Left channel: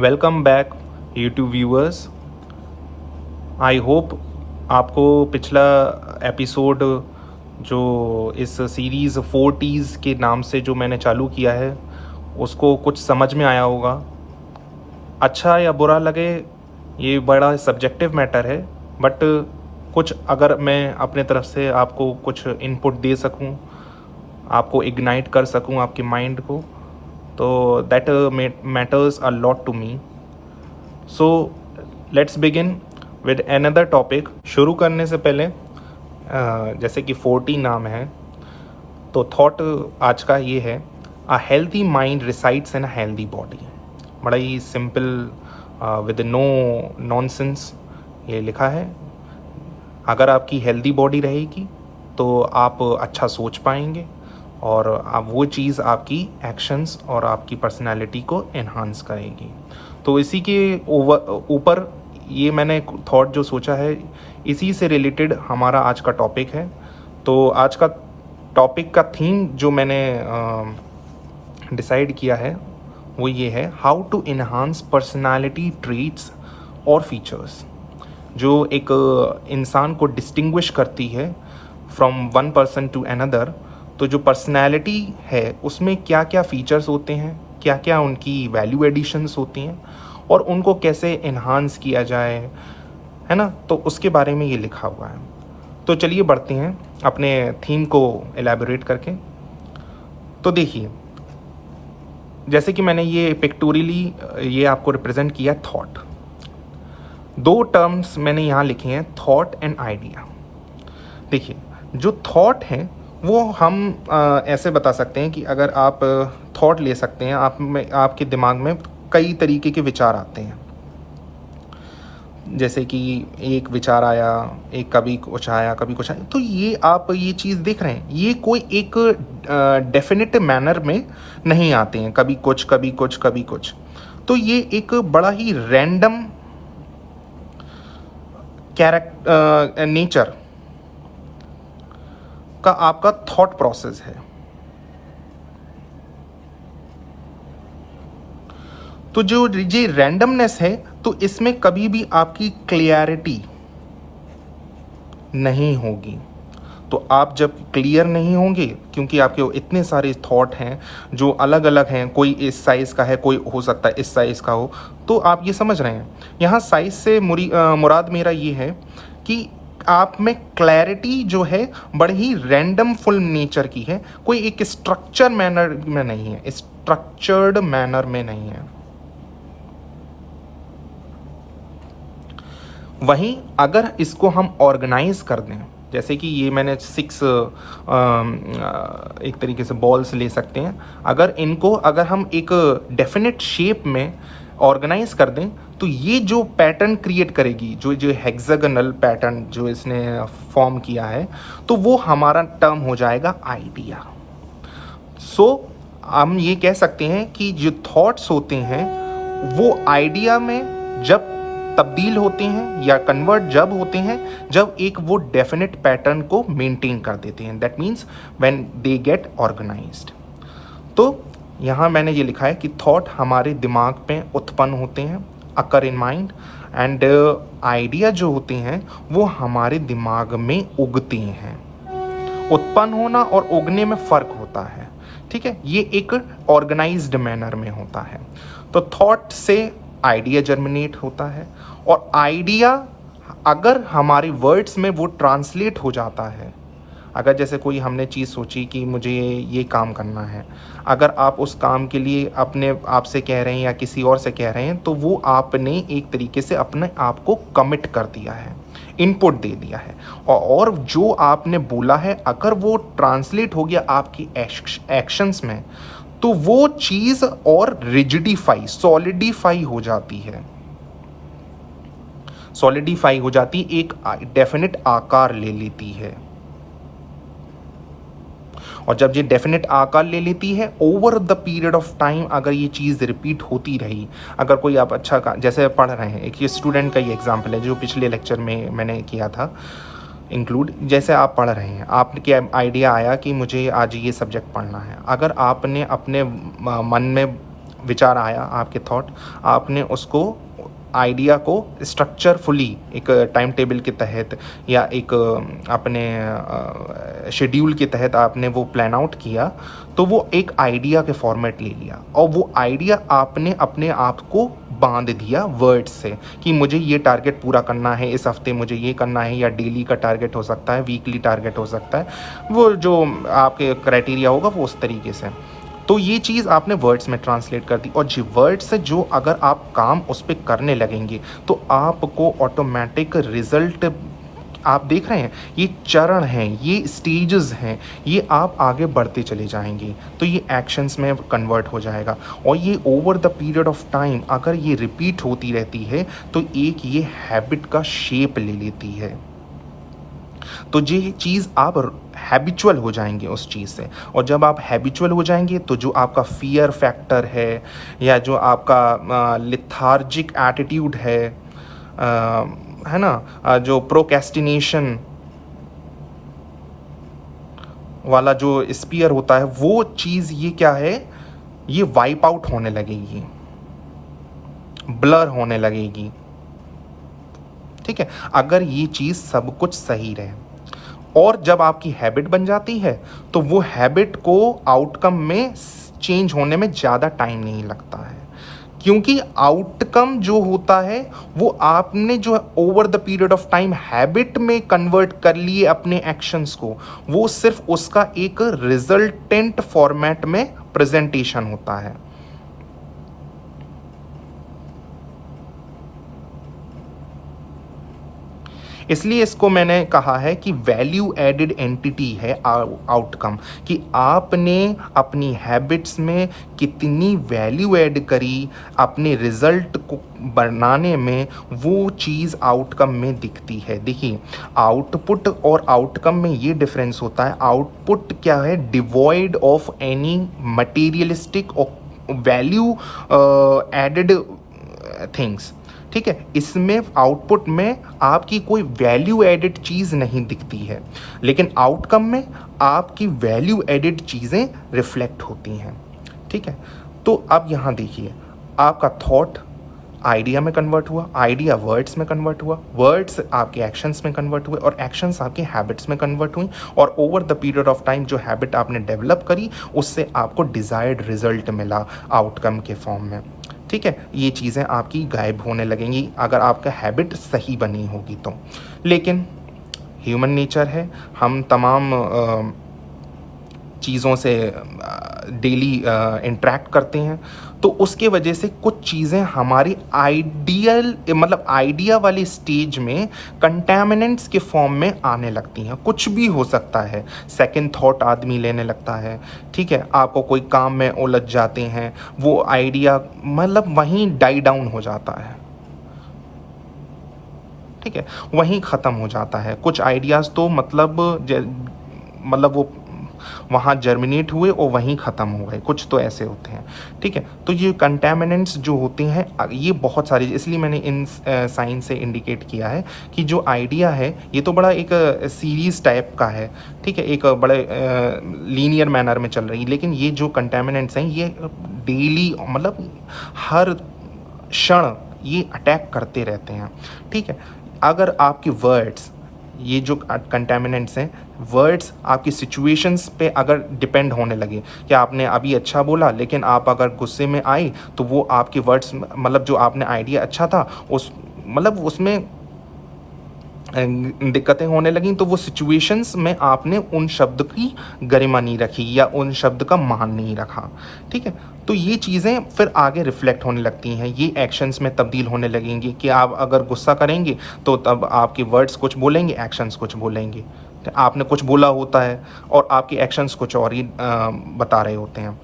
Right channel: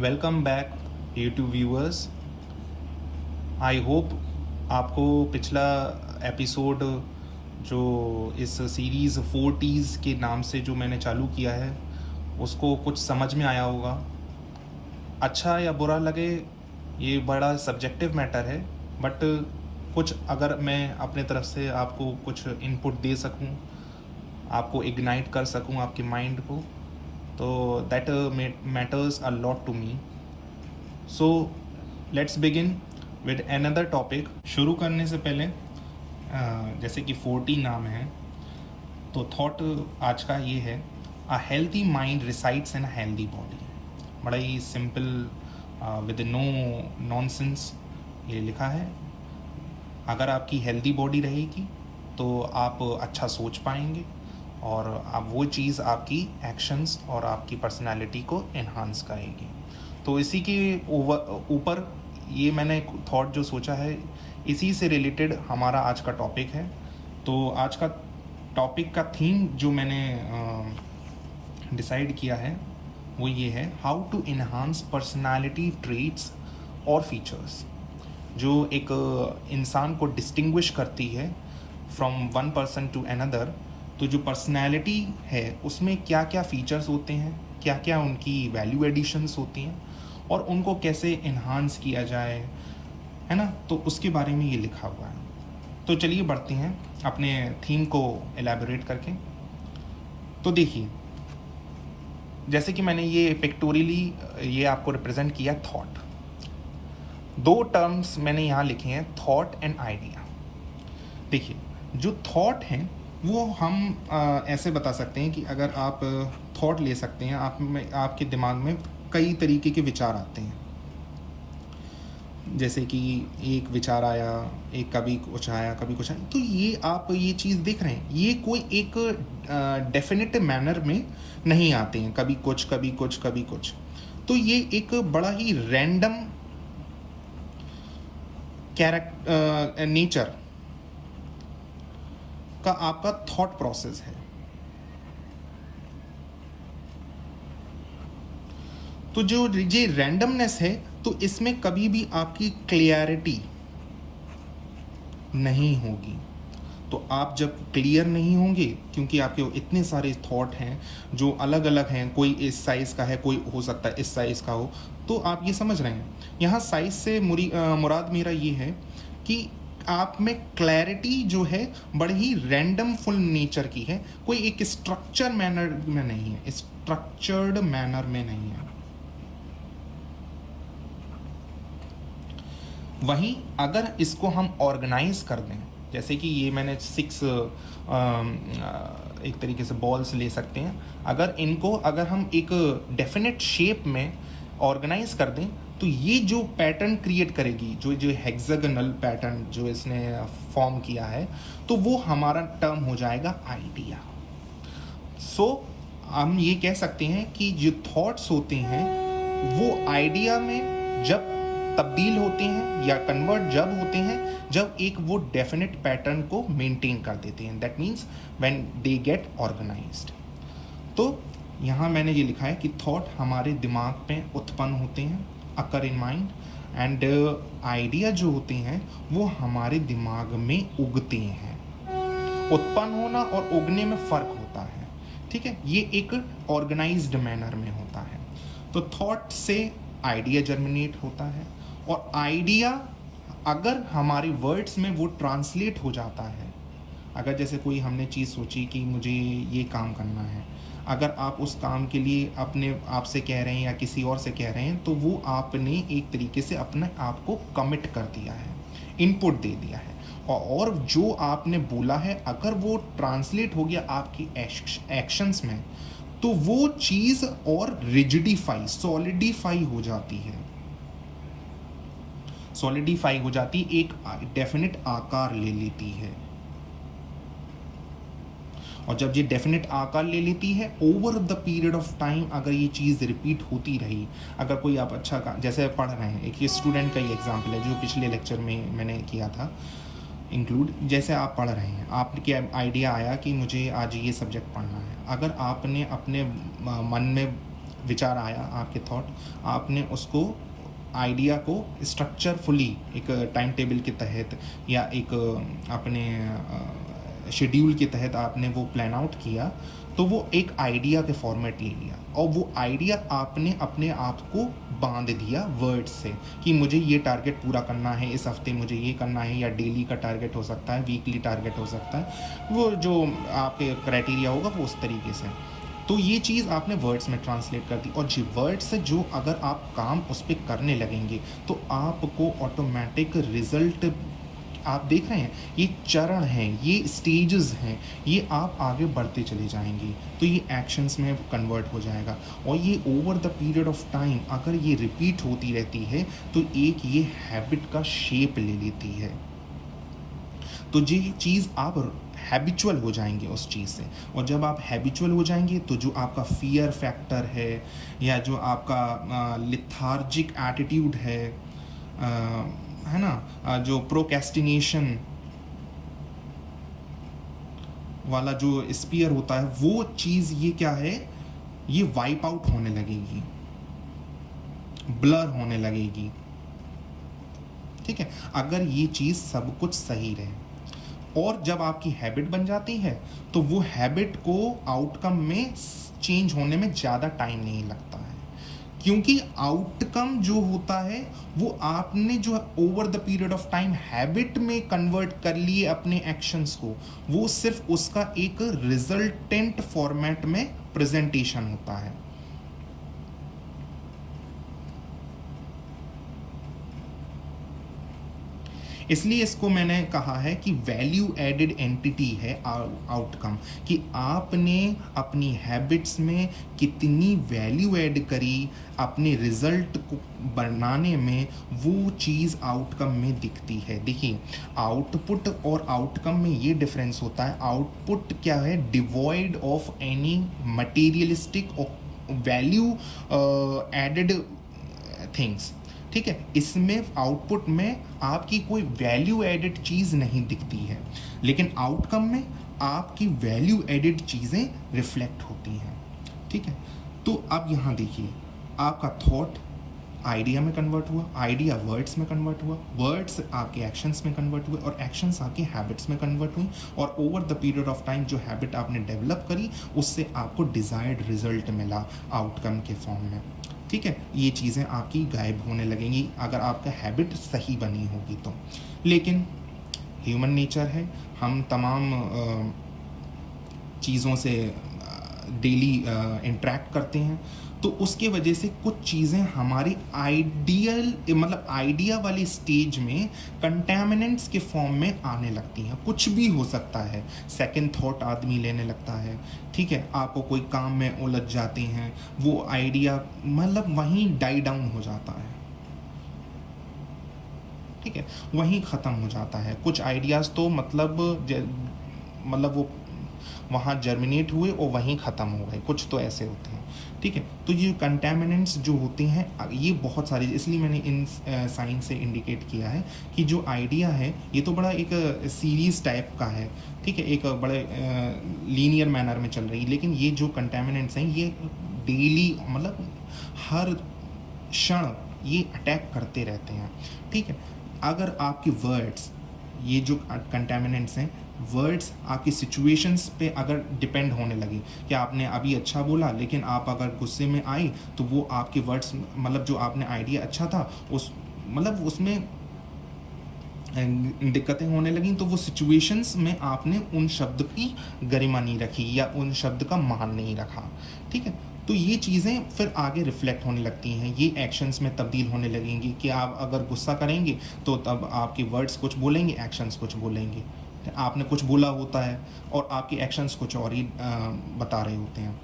Welcome back YouTube viewers. I hope आपको पिछला episode जो इस सीरीज़ 40s के नाम से जो मैंने चालू किया है उसको कुछ समझ में आया होगा। अच्छा या बुरा लगे ये बड़ा सब्जेक्टिव मैटर है, बट कुछ अगर मैं अपने तरफ से आपको कुछ इनपुट दे सकूं, आपको इग्नाइट कर सकूं आपके माइंड को, तो that matters a lot to me. So let's begin with another topic. शुरू करने से पहले जैसे कि 40 नाम है, तो थॉट आज का ये है, अ healthy mind resides in a healthy body. बड़ा ही सिंपल विद नो नॉनसेंस ये लिखा है। अगर आपकी हेल्दी बॉडी रहेगी तो आप अच्छा सोच पाएंगे और आप वो चीज़ आपकी एक्शंस और आपकी पर्सनालिटी को एनहांस करेगी। तो इसी के ऊपर ये मैंने थॉट जो सोचा है, इसी से रिलेटेड हमारा आज का टॉपिक है। तो आज का टॉपिक का थीम जो मैंने डिसाइड किया है वो ये है, how to enhance personality traits और फीचर्स जो एक इंसान को डिस्टिंग्विश करती है from one person to another. तो जो पर्सनैलिटी है उसमें क्या क्या फीचर्स होते हैं, क्या क्या उनकी वैल्यू एडिशंस होती हैं और उनको कैसे इन्हांस किया जाए, है ना। तो उसके बारे में ये लिखा हुआ है। तो चलिए बढ़ते हैं अपने थीम को एलैबोरेट करके। तो देखिए, जैसे कि मैंने ये पिक्टोरियली ये आपको रिप्रेजेंट किया थॉट। दो टर्म्स मैंने यहाँ लिखे हैं, थॉट एंड आइडिया। देखिए, जो थॉट है वो हम ऐसे बता सकते हैं कि अगर आप थॉट ले सकते हैं, आपके दिमाग में कई तरीके के विचार आते हैं। जैसे कि एक विचार आया, एक कभी कुछ आया कभी कुछ आया, तो ये आप ये चीज़ देख रहे हैं, ये कोई एक डेफिनेट मैनर में नहीं आते हैं, कभी कुछ कभी कुछ कभी कुछ। तो ये एक बड़ा ही रैंडम कैरेक्टर नेचर का आपका थॉट प्रोसेस है। तो जो ये रैंडमनेस है, तो इसमें कभी भी आपकी क्लियरिटी नहीं होगी। तो आप जब क्लियर नहीं होंगे, क्योंकि आपके इतने सारे थॉट हैं जो अलग अलग हैं, कोई इस साइज़ का है, कोई हो सकता है इस साइज़ का हो, तो आप ये समझ रहे हैं। यहाँ साइज़ से मुराद मेरा ये है कि आप में क्लैरिटी जो है बड़ी ही रैंडम फुल नेचर की है, कोई एक स्ट्रक्चर मैनर में नहीं है, स्ट्रक्चर्ड मैनर में नहीं है। वहीं अगर इसको हम ऑर्गेनाइज कर दें, जैसे कि ये मैंने 6 एक तरीके से बॉल्स ले सकते हैं, अगर हम एक डेफिनेट शेप में ऑर्गेनाइज कर दें, तो ये जो पैटर्न क्रिएट करेगी, जो हेक्सागोनल पैटर्न जो इसने फॉर्म किया है, तो वो हमारा टर्म हो जाएगा आइडिया। सो हम ये कह सकते हैं कि जो थॉट्स होते हैं वो आइडिया में जब तब्दील होते हैं या कन्वर्ट जब होते हैं जब एक वो डेफिनेट पैटर्न को मेंटेन कर देते हैं, that means when they get organized. तो यहाँ मैंने ये लिखा है कि थॉट हमारे दिमाग में उत्पन्न होते हैं, अकर इन माइंड, एंड आइडिया जो होते हैं वो हमारे दिमाग में उगते हैं। उत्पन्न होना और उगने में फर्क होता है, ठीक है। ये एक ऑर्गेनाइज्ड मैनर में होता है। तो थॉट से आइडिया जर्मिनेट होता है, और आइडिया अगर हमारे वर्ड्स में वो ट्रांसलेट हो जाता है, अगर जैसे कोई हमने चीज़ सोची कि मुझे ये काम करना है, अगर आप उस काम के लिए अपने आप से कह रहे हैं या किसी और से कह रहे हैं, तो वो आपने एक तरीके से अपने आप को कमिट कर दिया है, इनपुट दे दिया है। और जो आपने बोला है अगर वो ट्रांसलेट हो गया आपकी एक्शंस में, तो वो चीज़ और रिजिडिफाई, सॉलिडिफाई हो जाती है, सॉलिडिफाई हो जाती, एक डेफिनेट आकार ले लेती है। और जब ये डेफिनेट आकार ले लेती है, over the period of time अगर ये चीज़ रिपीट होती रही, अगर कोई आप अच्छा जैसे पढ़ रहे हैं, एक ये स्टूडेंट का ही एग्जाम्पल है जो पिछले लेक्चर में मैंने किया था इंक्लूड। जैसे आप पढ़ रहे हैं, आपके आइडिया आया कि मुझे आज ये सब्जेक्ट पढ़ना है, अगर आपने अपने मन में विचार आया, आपके थॉट, आपने उसको आइडिया को स्ट्रक्चरफुली एक टाइम टेबल के तहत या एक अपने शेड्यूल के तहत आपने वो प्लान आउट किया, तो वो एक आइडिया के फॉर्मेट ले लिया और वो आइडिया आपने अपने आप को बांध दिया वर्ड्स से कि मुझे ये टारगेट पूरा करना है, इस हफ्ते मुझे ये करना है, या डेली का टारगेट हो सकता है, वीकली टारगेट हो सकता है, वो जो आपके क्राइटेरिया होगा वो उस तरीके से। तो ये चीज़ आपने वर्ड्स में ट्रांसलेट कर दी, और जी वर्ड्स से जो अगर आप काम उस पर करने लगेंगे तो आपको ऑटोमेटिक रिजल्ट, आप देख रहे हैं ये चरण हैं, ये स्टेजेस हैं, ये आप आगे बढ़ते चले जाएंगे तो ये एक्शंस में कन्वर्ट हो जाएगा। और ये over the period of time अगर ये रिपीट होती रहती है तो एक ये हैबिट का शेप ले लेती है। तो ये चीज़ आप हैबिचुअल हो जाएंगे उस चीज़ से, और जब आप हैबिचुअल हो जाएंगे तो जो आपका फियर फैक्टर है या जो आपका लिथार्जिक एटीट्यूड है ना, जो प्रोक्रेस्टिनेशन वाला जो स्पीयर होता है, वो चीज़ ये क्या है, ये वाइप आउट होने लगेगी, ब्लर होने लगेगी। ठीक है, अगर ये चीज़ सब कुछ सही रहे, और जब आपकी हैबिट बन जाती है तो वो हैबिट को आउटकम में चेंज होने में ज़्यादा टाइम नहीं लगता है, क्योंकि आउटकम जो होता है वो आपने जो over the period of time habit में कन्वर्ट कर लिए अपने एक्शंस को, वो सिर्फ उसका एक रिजल्टेंट फॉर्मेट में प्रेजेंटेशन होता है। इसलिए इसको मैंने कहा है कि वैल्यू एडेड एंटिटी है आउटकम, कि आपने अपनी हैबिट्स में कितनी वैल्यू ऐड करी अपने रिजल्ट को बनाने में, वो चीज़ आउटकम में दिखती है। देखिए, आउटपुट और आउटकम में ये डिफरेंस होता है। आउटपुट क्या है, devoid of any materialistic value added things. ठीक है, इसमें आउटपुट में आपकी कोई वैल्यू एडेड चीज़ नहीं दिखती है, लेकिन आउटकम में आपकी वैल्यू एडेड चीज़ें रिफ्लेक्ट होती हैं। ठीक है, तो अब यहाँ देखिए, आपका थॉट आइडिया में कन्वर्ट हुआ, आइडिया वर्ड्स में कन्वर्ट हुआ, वर्ड्स आपके एक्शंस में कन्वर्ट हुए, और एक्शंस आपके हैबिट्स में कन्वर्ट हुई, और over the period of time जो हैबिट आपने डेवलप करी उससे आपको डिज़ायर्ड रिजल्ट मिला आउटकम के फॉर्म में। ठीक है, ये चीज़ें आपकी गायब होने लगेंगी अगर आपका हैबिट सही बनी होगी तो। लेकिन ह्यूमन नेचर है, हम तमाम चीज़ों से डेली इंटरेक्ट करते हैं, तो उसके वजह से कुछ चीज़ें हमारी आइडिया वाली स्टेज में कंटेमिनेंट्स के फॉर्म में आने लगती हैं। कुछ भी हो सकता है, सेकंड थॉट आदमी लेने लगता है। ठीक है, आपको कोई काम में उलझ जाते हैं, वो आइडिया वहीं डाई डाउन हो जाता है। ठीक है, वहीं ख़त्म हो जाता है। कुछ आइडियाज़ तो वो वहाँ जर्मिनेट हुए और वहीं ख़त्म हो गए, कुछ तो ऐसे होते हैं। ठीक है, तो ये कंटेमिनेंट्स जो होते हैं ये बहुत सारे, इसलिए मैंने इन साइन से इंडिकेट किया है कि जो आइडिया है ये तो बड़ा एक सीरीज़ टाइप का है। ठीक है, एक बड़े लीनियर मैनर में चल रही है, लेकिन ये जो कंटेमिनेंट्स हैं ये डेली हर क्षण ये अटैक करते रहते हैं। ठीक है, अगर आपके वर्ड्स, ये जो कंटेमिनेंट्स हैं, वर्ड्स आपकी सिचुएशंस पे अगर डिपेंड होने लगे, कि आपने अभी अच्छा बोला लेकिन आप अगर गुस्से में आए तो वो आपके वर्ड्स जो आपने आइडिया अच्छा था उसमें दिक्कतें होने लगीं, तो वो सिचुएशंस में आपने उन शब्द की गरिमा नहीं रखी या उन शब्द का मान नहीं रखा। ठीक है, तो ये चीज़ें फिर आगे रिफ्लेक्ट होने लगती हैं, ये एक्शंस में तब्दील होने लगेंगी कि आप अगर गुस्सा करेंगे तो तब आपके वर्ड्स कुछ बोलेंगे, एक्शंस कुछ बोलेंगे। आपने कुछ बोला होता है और आपके एक्शंस कुछ और ही बता रहे होते हैं।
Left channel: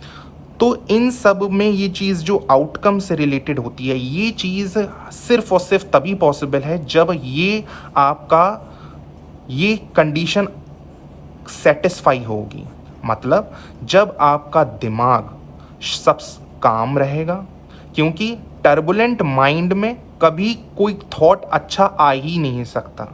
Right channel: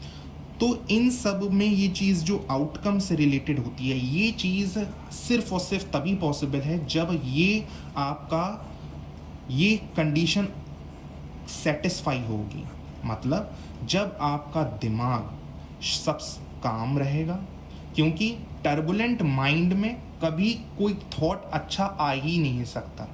तो इन सब में ये चीज़ जो आउटकम से रिलेटेड होती है, ये चीज़ सिर्फ और सिर्फ तभी पॉसिबल है जब ये आपका ये कंडीशन सेटिस्फाई होगी। जब आपका दिमाग सब काम रहेगा, क्योंकि टर्बुलेंट माइंड में कभी कोई थॉट अच्छा आ ही नहीं सकता।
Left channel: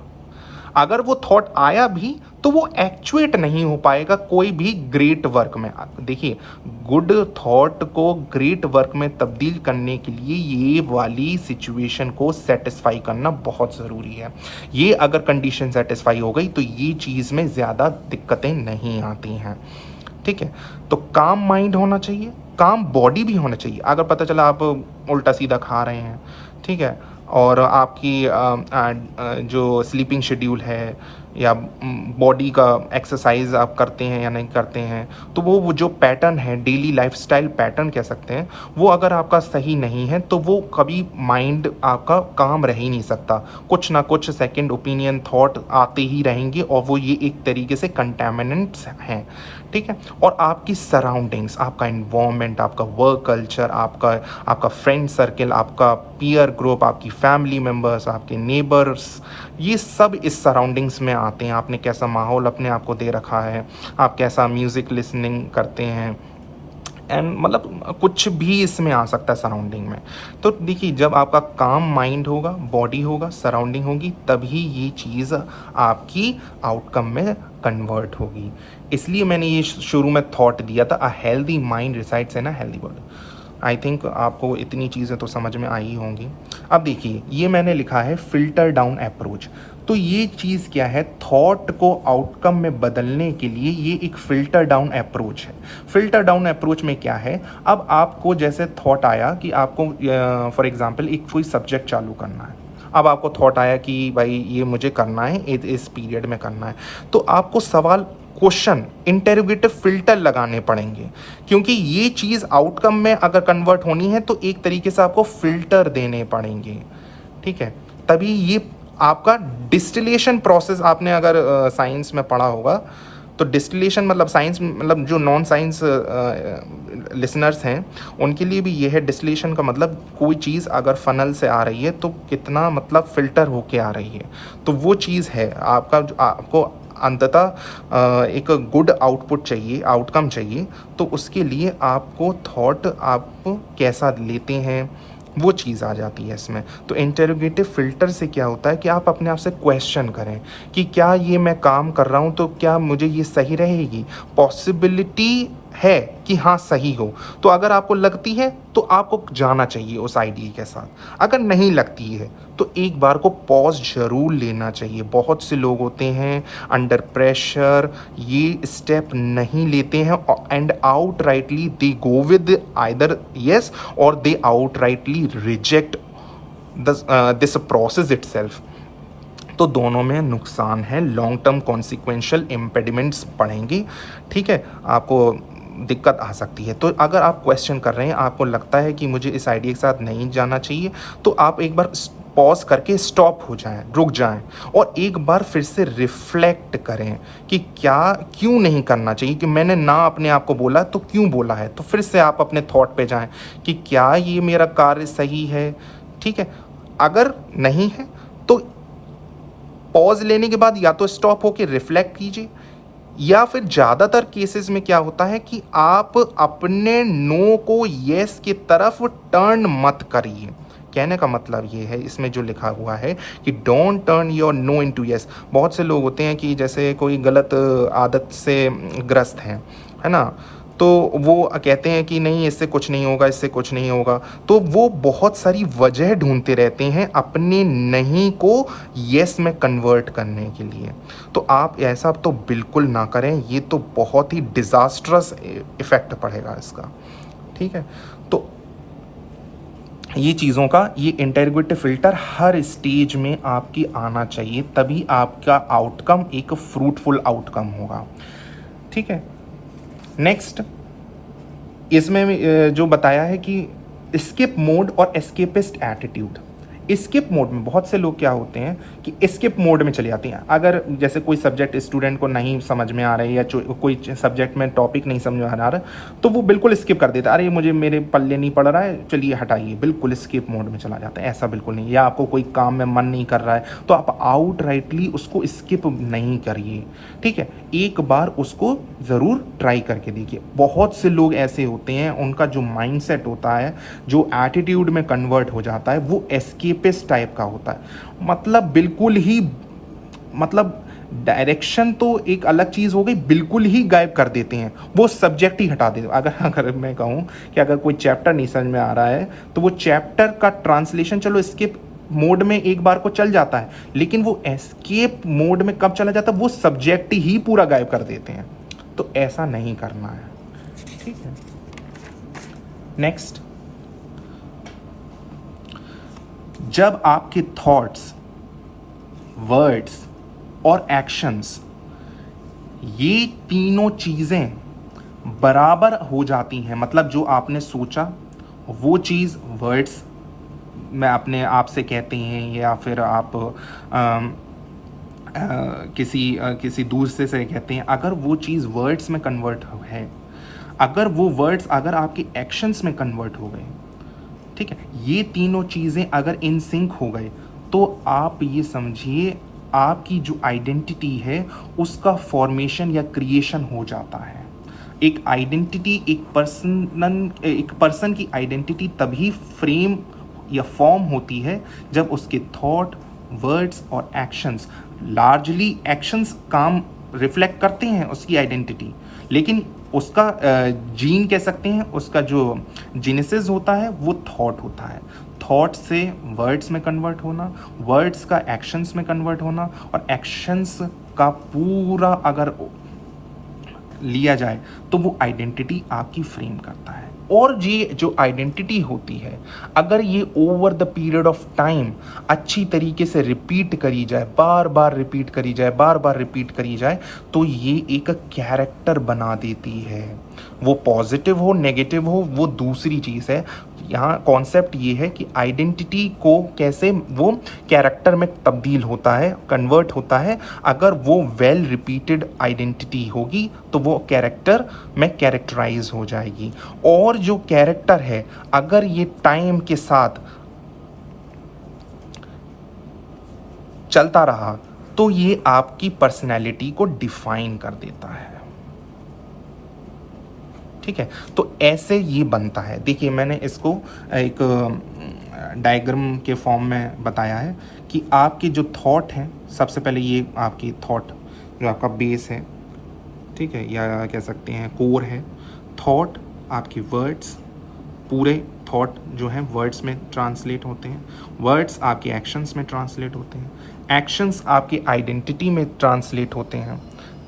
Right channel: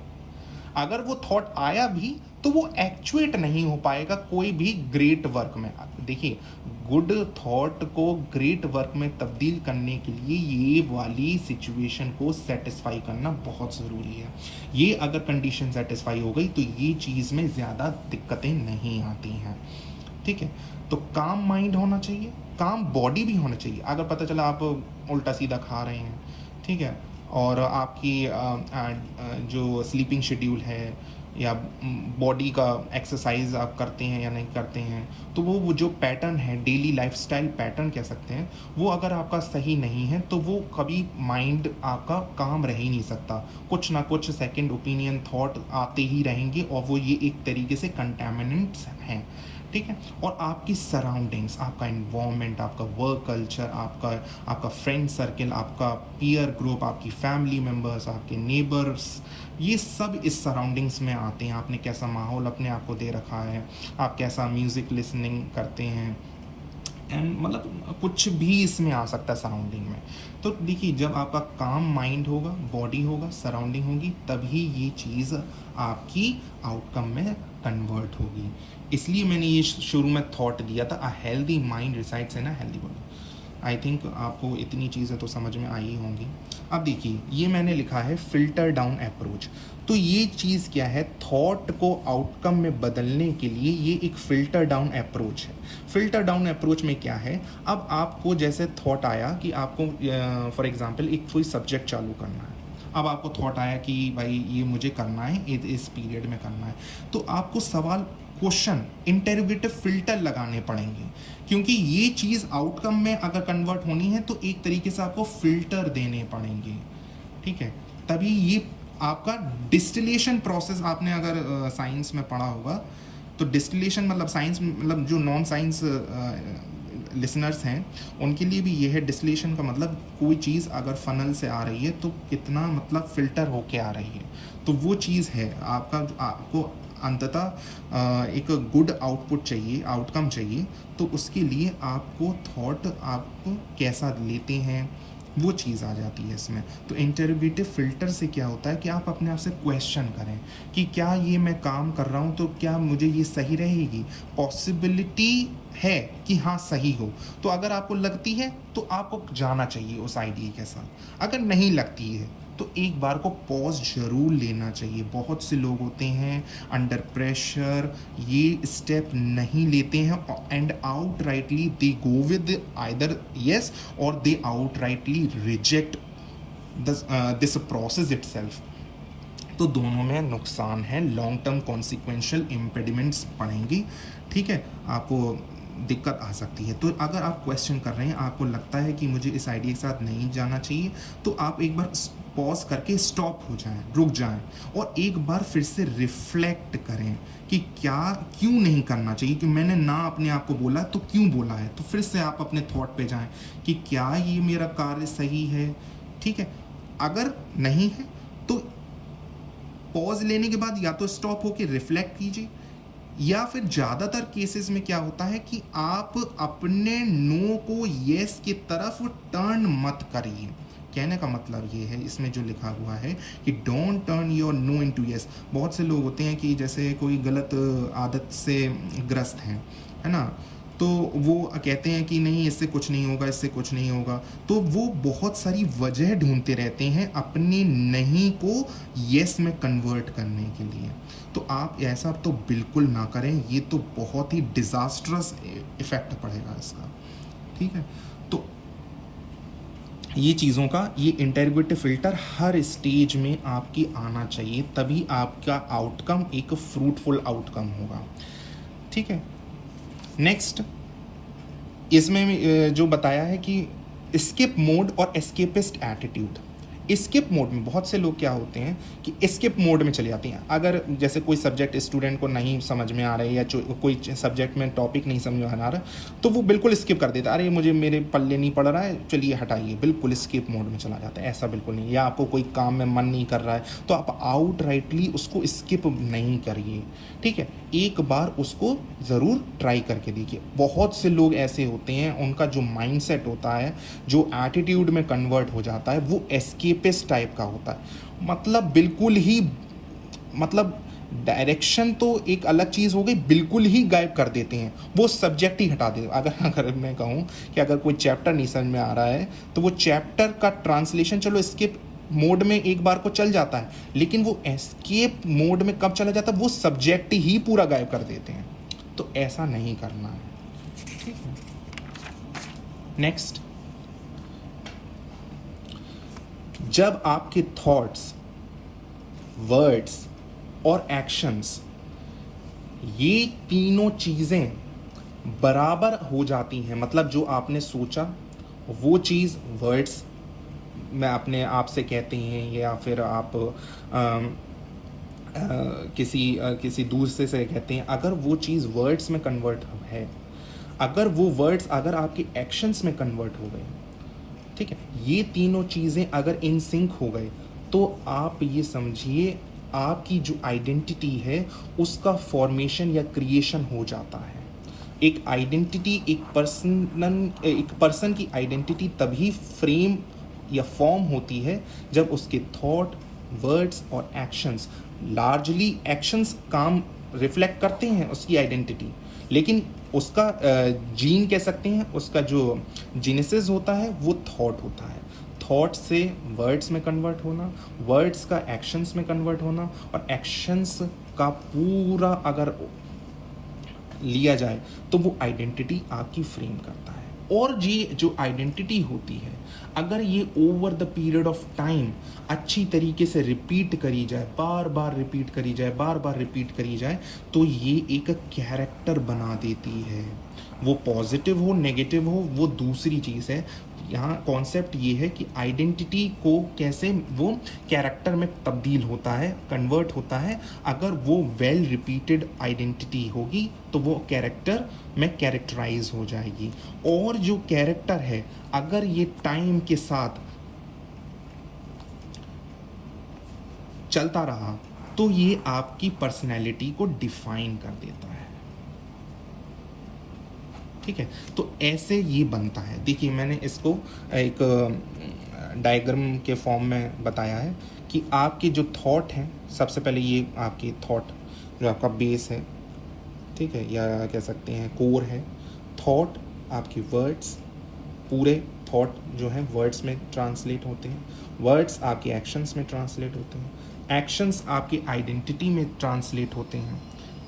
अगर वो थॉट आया भी तो वो एक्चुएट नहीं हो पाएगा कोई भी ग्रेट वर्क में। देखिए, गुड थॉट को ग्रेट वर्क में तब्दील करने के लिए ये वाली सिचुएशन को सेटिस्फाई करना बहुत ज़रूरी है। ये अगर कंडीशन सेटिस्फाई हो गई तो ये चीज़ में ज़्यादा दिक्कतें नहीं आती हैं। ठीक है, तो काम माइंड होना चाहिए, काम बॉडी भी होना चाहिए। अगर पता चला आप उल्टा सीधा खा रहे हैं, ठीक है, और आपकी जो स्लीपिंग शेड्यूल है या बॉडी का एक्सरसाइज आप करते हैं या नहीं करते हैं, तो वो जो पैटर्न है, डेली लाइफस्टाइल पैटर्न कह सकते हैं, वो अगर आपका सही नहीं है तो वो कभी माइंड आपका काम रह ही नहीं सकता। कुछ ना कुछ सेकंड ओपिनियन थॉट आते ही रहेंगे और वो ये एक तरीके से कंटेमिनेंट्स हैं। ठीक है, और आपकी सराउंडिंग्स, आपका इन्वायरमेंट, आपका वर्क कल्चर, आपका फ्रेंड सर्किल, आपका पीयर ग्रुप, आपकी फैमिली मेम्बर्स, आपके नेबर्स, ये सब इस सराउंडिंग्स में आते हैं। आपने कैसा माहौल अपने आप को दे रखा है, आप कैसा म्यूज़िक लिसनिंग करते हैं, एंड मतलब कुछ भी इसमें आ सकता है सराउंडिंग में। तो देखिए, जब आपका काम माइंड होगा, बॉडी होगा, सराउंडिंग होगी, तभी ये चीज़ आपकी आउटकम में कन्वर्ट होगी। इसलिए मैंने ये शुरू में थॉट दिया था, a healthy mind resides in a healthy body. I think आपको इतनी चीज़ें तो समझ में आई होंगी। अब देखिए, ये मैंने लिखा है फिल्टर डाउन अप्रोच। तो ये चीज़ क्या है, थॉट को आउटकम में बदलने के लिए ये एक फिल्टर डाउन अप्रोच है। फिल्टर डाउन अप्रोच में क्या है, अब आपको जैसे थॉट आया कि आपको फॉर एग्जांपल एक कोई सब्जेक्ट चालू करना है, अब आपको थॉट आया कि भाई ये मुझे करना है, इस पीरियड में करना है, तो आपको सवाल, क्वेश्चन, इंटेरोगेटिव फिल्टर लगाने पड़ेंगे, क्योंकि ये चीज़ आउटकम में अगर कन्वर्ट होनी है तो एक तरीके से आपको फिल्टर देने पड़ेंगे। ठीक है, तभी ये आपका डिस्टिलेशन प्रोसेस, आपने अगर साइंस में पढ़ा होगा तो डिस्टिलेशन मतलब साइंस, मतलब जो नॉन साइंस लिसनर्स हैं उनके लिए भी ये है, डिस्टिलेशन का मतलब कोई चीज़ अगर फनल से आ रही है तो कितना मतलब फ़िल्टर होके आ रही है, तो वो चीज़ है आपका। आपको अंततः एक गुड आउटपुट चाहिए, आउटकम चाहिए, तो उसके लिए आपको थॉट आप कैसा लेते हैं वो चीज़ आ जाती है इसमें। तो इंटेरोगेटिव फिल्टर से क्या होता है कि आप अपने आप से क्वेश्चन करें कि क्या ये मैं काम कर रहा हूँ तो क्या मुझे ये सही रहेगी, पॉसिबिलिटी है कि हाँ सही हो। तो अगर आपको लगती है तो आपको जाना चाहिए उस आइडिया के साथ, अगर नहीं लगती है तो एक बार को पॉज जरूर लेना चाहिए। बहुत से लोग होते हैं अंडर प्रेशर ये स्टेप नहीं लेते हैं and outrightly they go with either yes और they outrightly reject this process itself. तो दोनों में नुकसान है, लॉन्ग टर्म कॉन्सिक्वेंशियल इम्पेडिमेंट्स पड़ेंगे। ठीक है, आपको दिक्कत आ सकती है। तो अगर आप क्वेश्चन कर रहे हैं, आपको लगता है कि मुझे इस आइडिया के साथ नहीं जाना चाहिए, तो आप एक बार पॉज करके स्टॉप हो जाएं, रुक जाएं और एक बार फिर से रिफ्लेक्ट करें कि क्या क्यों नहीं करना चाहिए, कि मैंने ना अपने आप को बोला तो क्यों बोला है। तो फिर से आप अपने थॉट पे जाएं कि क्या ये मेरा कार्य सही है। ठीक है, अगर नहीं है तो पॉज लेने के बाद या तो स्टॉप होके रिफ्लेक्ट कीजिए, या फिर ज़्यादातर केसेस में क्या होता है कि आप अपने नो को येस की तरफ टर्न मत करिए। कहने का मतलब ये है, इसमें जो लिखा हुआ है कि don't turn your no into yes. बहुत से लोग होते हैं कि जैसे कोई गलत आदत से ग्रस्त है ना, तो वो कहते हैं कि नहीं इससे कुछ नहीं होगा, इससे कुछ नहीं होगा, तो वो बहुत सारी वजह ढूंढते रहते हैं अपने नहीं को यस में कन्वर्ट करने के लिए। तो आप ऐसा तो बिल्कुल ना करें, ये तो बहुत ही डिज़ास्ट्रस इफ़ेक्ट पड़ेगा इसका। ठीक है, तो ये चीज़ों का, ये इंटेरोगेटिव फिल्टर हर स्टेज में आपकी आना चाहिए, तभी आपका आउटकम एक फ्रूटफुल आउटकम होगा। ठीक है, नेक्स्ट इसमें जो बताया है कि स्किप मोड और एस्केपिस्ट एटीट्यूड। स्किप मोड में बहुत से लोग क्या होते हैं कि स्किप मोड में चले जाते हैं। अगर जैसे कोई सब्जेक्ट स्टूडेंट को नहीं समझ में आ रहा है या कोई सब्जेक्ट में टॉपिक नहीं समझ में आ रहा तो वो बिल्कुल स्किप कर देता है, अरे मुझे मेरे पल्ले नहीं पड़ रहा है, चलिए हटाइए, बिल्कुल स्किप मोड में चला जाता है। ऐसा बिल्कुल नहीं। या आपको कोई काम में मन नहीं कर रहा है तो आप आउट राइटली उसको स्किप नहीं करिए। ठीक है, एक बार उसको ज़रूर ट्राई करके देखिए। बहुत से लोग ऐसे होते हैं, उनका जो माइंडसेट होता है, जो एटीट्यूड में कन्वर्ट हो जाता है, वो एस्केपिस्ट टाइप का होता है। मतलब बिल्कुल ही मतलब डायरेक्शन तो एक अलग चीज़ हो गई, बिल्कुल ही गायब कर देते हैं, वो सब्जेक्ट ही हटा देते। अगर अगर मैं कहूँ कि अगर कोई चैप्टर नहीं समझ में आ रहा है तो वो चैप्टर का ट्रांसलेशन चलो स्किप मोड में एक बार को चल जाता है, लेकिन वो एस्केप मोड में कब चला जाता है, वो सब्जेक्ट ही पूरा गायब कर देते हैं। तो ऐसा नहीं करना है, ठीक है। नेक्स्ट, जब आपके थॉट्स, वर्ड्स और एक्शंस, ये तीनों चीज़ें बराबर हो जाती हैं, मतलब जो आपने सोचा वो चीज़ वर्ड्स में अपने आप से कहते हैं, या फिर आप किसी दूर से कहते हैं, अगर वो चीज़ वर्ड्स में कन्वर्ट है, अगर वो वर्ड्स अगर आपके एक्शंस में कन्वर्ट हो गए, ठीक है, ये तीनों चीज़ें अगर इन सिंक हो गए, तो आप ये समझिए आपकी जो आइडेंटिटी है उसका फॉर्मेशन या क्रिएशन हो जाता है। एक आइडेंटिटी, एक पर्सन की आइडेंटिटी तभी फ्रेम या फॉर्म होती है जब उसके थॉट, वर्ड्स और एक्शंस, लार्जली एक्शंस काम रिफ्लेक्ट करते हैं उसकी आइडेंटिटी, लेकिन उसका जीन कह सकते हैं, उसका जो जेनेसिस होता है वो थॉट होता है। थॉट से वर्ड्स में कन्वर्ट होना, वर्ड्स का एक्शंस में कन्वर्ट होना, और एक्शंस का पूरा अगर लिया जाए तो वो आइडेंटिटी आपकी फ्रेम करता है। और ये जो आइडेंटिटी होती है, अगर ये over the period of time अच्छी तरीके से रिपीट करी जाए, बार बार रिपीट करी जाए, बार बार रिपीट करी जाए, तो ये एक कैरेक्टर बना देती है। वो पॉजिटिव हो, नेगेटिव हो, वो दूसरी चीज़ है। यहाँ कॉन्सेप्ट ये है कि आइडेंटिटी को कैसे वो कैरेक्टर में तब्दील होता है, कन्वर्ट होता है। अगर वो वेल रिपीटेड आइडेंटिटी होगी तो वो कैरेक्टर में कैरेक्टराइज हो जाएगी। और जो कैरेक्टर है, अगर ये टाइम के साथ चलता रहा तो ये आपकी पर्सनैलिटी को डिफाइन कर देता है, ठीक है। तो ऐसे ये बनता है। देखिए, मैंने इसको एक डायग्राम के फॉर्म में बताया है कि आपके जो थॉट हैं, सबसे पहले ये आपकी थॉट जो आपका बेस है, ठीक है, या कह सकते हैं कोर है। थॉट, आपके वर्ड्स, पूरे थॉट जो हैं वर्ड्स में ट्रांसलेट होते हैं, वर्ड्स आपके एक्शंस में ट्रांसलेट होते हैं, एक्शंस आपकी आइडेंटिटी में ट्रांसलेट होते हैं,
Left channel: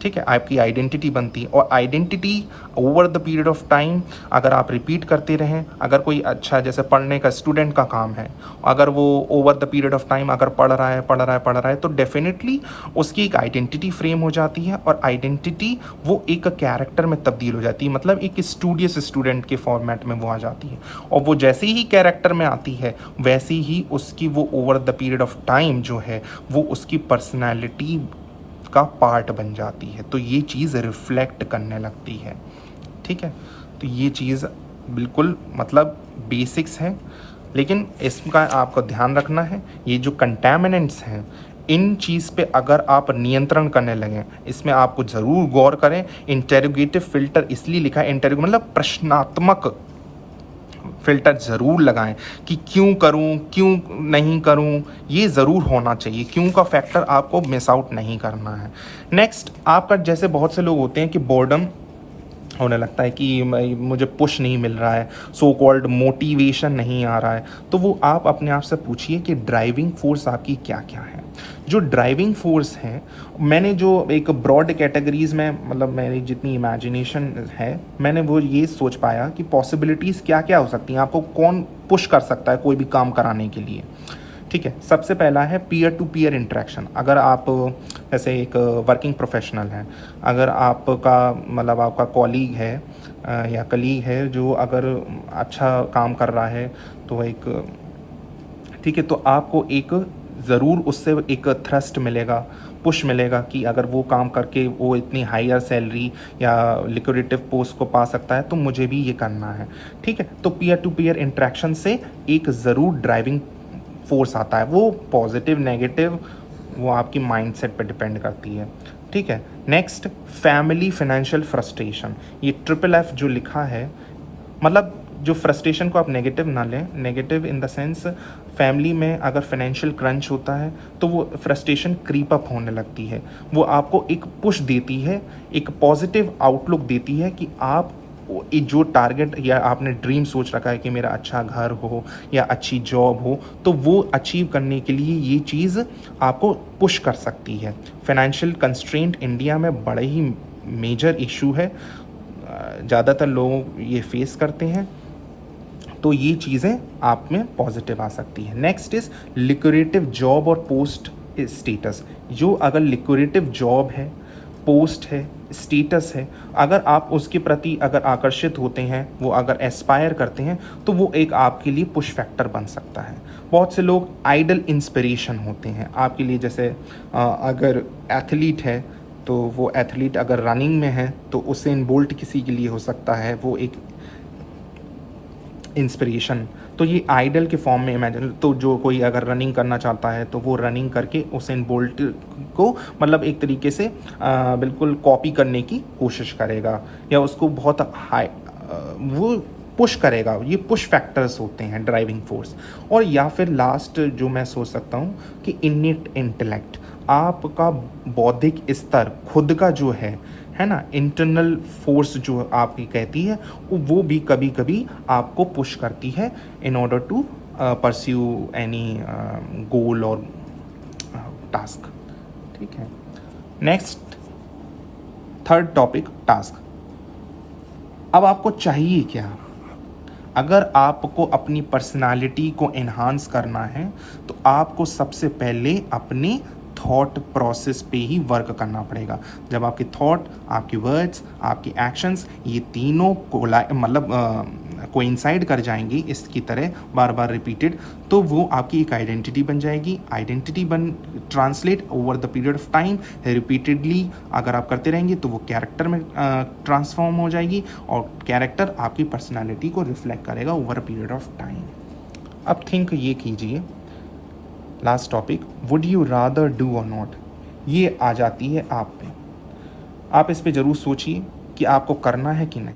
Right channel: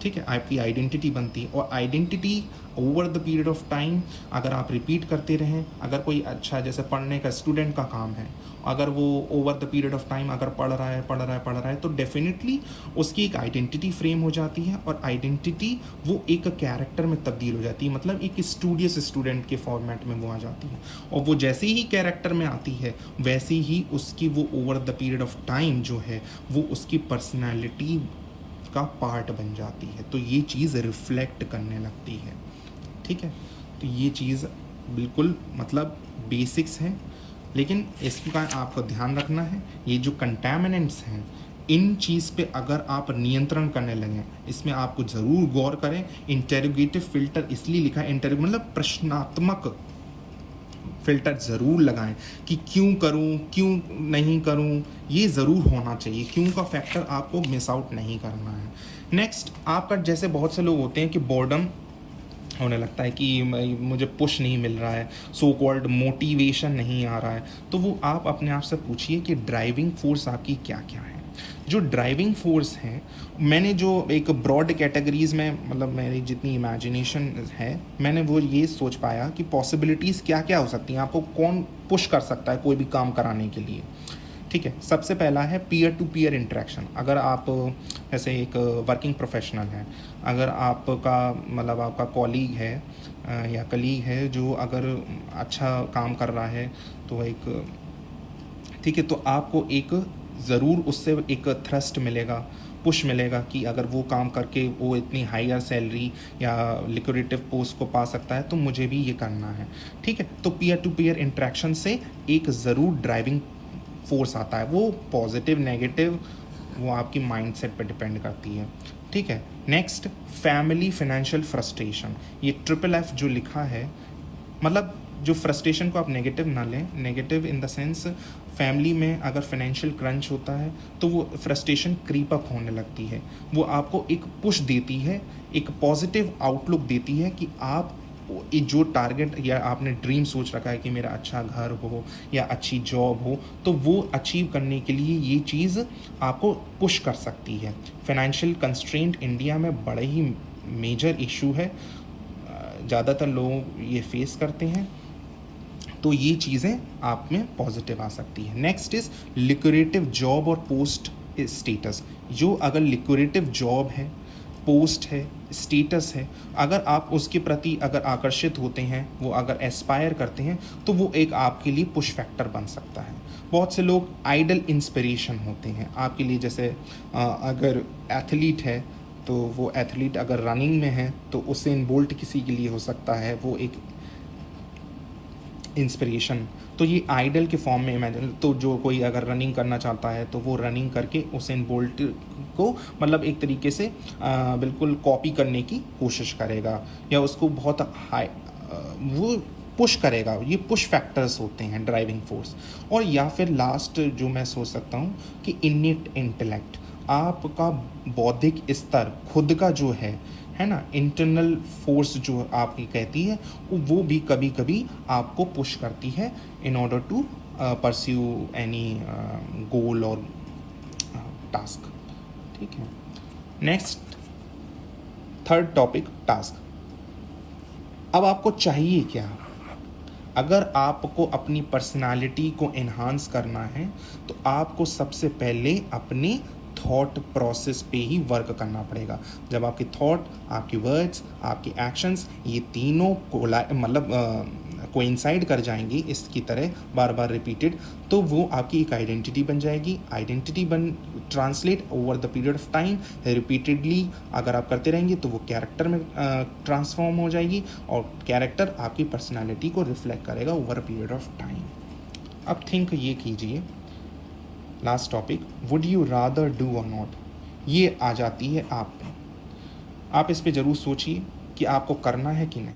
ठीक है, आपकी आइडेंटिटी बनती है। और identity over the period of time अगर आप रिपीट करते रहें, अगर कोई अच्छा जैसे पढ़ने का स्टूडेंट का काम है, अगर वो over the period of time अगर पढ़ रहा है तो डेफिनेटली उसकी एक आइडेंटिटी फ्रेम हो जाती है, और आइडेंटिटी वो एक कैरेक्टर में तब्दील हो जाती है, मतलब एक स्टूडियस स्टूडेंट के फॉर्मेट में वो आ जाती है। और वो जैसे ही कैरेक्टर में आती है, वैसे ही उसकी वो over the period of time जो है वो उसकी पर्सनैलिटी का पार्ट बन जाती है। तो ये चीज़ रिफ्लेक्ट करने लगती है, ठीक है। तो ये चीज़ बिल्कुल मतलब बेसिक्स है, लेकिन इसका आपको ध्यान रखना है, ये जो कंटैमिनेंट्स हैं, इन चीज़ पे अगर आप नियंत्रण करने लगें, इसमें आपको ज़रूर गौर करें। इंटेरोगेटिव फिल्टर इसलिए लिखा है, इंटेरोगेटिव मतलब प्रश्नात्मक फिल्टर ज़रूर लगाएं कि क्यों करूं, क्यों नहीं करूं, ये ज़रूर होना चाहिए। क्यों का फैक्टर आपको मिस आउट नहीं करना है। नेक्स्ट, आपका जैसे बहुत से लोग होते हैं कि बोर्डम होने लगता है कि मुझे पुश नहीं मिल रहा है, सो कॉल्ड मोटिवेशन नहीं आ रहा है, तो वो आप अपने आप से पूछिए कि ड्राइविंग फोर्स आपकी क्या क्या है। जो ड्राइविंग फोर्स है, मैंने जो एक ब्रॉड कैटेगरीज़ में, मतलब मेरी जितनी इमेजिनेशन है, मैंने वो ये सोच पाया कि पॉसिबिलिटीज़ क्या क्या हो सकती हैं, आपको कौन पुश कर सकता है कोई भी काम कराने के लिए, ठीक है। सबसे पहला है पीयर टू पीयर इंटरेक्शन। अगर आप जैसे एक वर्किंग प्रोफेशनल हैं, अगर आपका मतलब आपका कॉलीग है या कलीग है जो अगर अच्छा काम कर रहा है, तो एक ठीक है, तो आपको एक ज़रूर उससे एक थ्रस्ट मिलेगा, पुश मिलेगा कि अगर वो काम करके वो इतनी हायर सैलरी या लिक्विडेटिव पोस्ट को पा सकता है तो मुझे भी ये करना है, ठीक है। तो पीयर टू पीयर इंटरेक्शन से एक ज़रूर ड्राइविंग फोर्स आता है, वो पॉजिटिव नेगेटिव वो आपकी माइंडसेट पे डिपेंड करती है, ठीक है। Next, family financial frustration. ये ट्रिपल एफ जो लिखा है, मतलब जो फ्रस्ट्रेशन को आप नेगेटिव ना लें, negative in the sense family में अगर फाइनेंशियल क्रंच होता है तो वो फ्रस्ट्रेशन क्रीप अप होने लगती है। वो आपको एक पुश देती है, एक पॉजिटिव आउटलुक देती है कि आप ये जो टारगेट या आपने ड्रीम सोच रखा है कि मेरा अच्छा घर हो या अच्छी जॉब हो, तो वो अचीव करने के लिए ये चीज़ आपको पुश कर सकती है। फाइनेंशियल कंस्ट्रेंट इंडिया में बड़े ही मेजर इशू है, ज़्यादातर लोग ये फेस करते हैं, तो ये चीज़ें आप में पॉजिटिव आ सकती है। नेक्स्ट इज लिक्विडेटिव जॉब और पोस्ट स्टेटस। जो अगर लिक्विडेटिव जॉब है, पोस्ट है, स्टेटस है, अगर आप उसके प्रति अगर आकर्षित होते हैं, वो अगर एस्पायर करते हैं, तो वो एक आपके लिए पुश फैक्टर बन सकता है। बहुत से लोग आइडल इंस्पिरेशन होते हैं आपके लिए, जैसे अगर एथलीट है तो वो एथलीट अगर रनिंग में है तो उसेन बोल्ट किसी के लिए हो सकता है वो एक इंस्पिरेशन। तो ये आइडल के फॉर्म में इमेजिन, तो जो कोई अगर रनिंग करना चाहता है तो वो रनिंग करके उसेन बोल्ट को मतलब एक तरीके से बिल्कुल कॉपी करने की कोशिश करेगा या उसको बहुत हाई वो पुश करेगा। ये पुश फैक्टर्स होते हैं, ड्राइविंग फोर्स। और या फिर लास्ट जो मैं सोच सकता हूँ कि इनिट इंटेलेक्ट, आपका बौद्धिक स्तर खुद का जो है ना, इंटरनल फोर्स जो आपकी कहती है, वो भी कभी कभी आपको पुश करती है in order to pursue any goal और टास्क। ठीक है, नेक्स्ट थर्ड टॉपिक, टास्क। अब आपको चाहिए क्या? अगर आपको अपनी पर्सनालिटी को एनहांस करना है तो आपको सबसे पहले अपने थॉट प्रोसेस पे ही वर्क करना पड़ेगा। जब आपके थॉट, आपके वर्ड्स, आपके एक्शंस ये तीनों कोइंसाइड कर जाएंगे इसकी तरह बार बार रिपीटेड, तो वो आपकी एक आइडेंटिटी बन जाएगी। Identity translate over the period of time, repeatedly अगर आप करते रहेंगे तो वो कैरेक्टर में ट्रांसफॉर्म हो जाएगी और कैरेक्टर आपकी पर्सनालिटी को रिफ्लेक्ट करेगा over a period of time. अब थिंक ये कीजिए, last topic, would you rather do और नॉट, ये आ जाती है आप पे। आप इस पे ज़रूर सोचिए कि आपको करना है कि नहीं।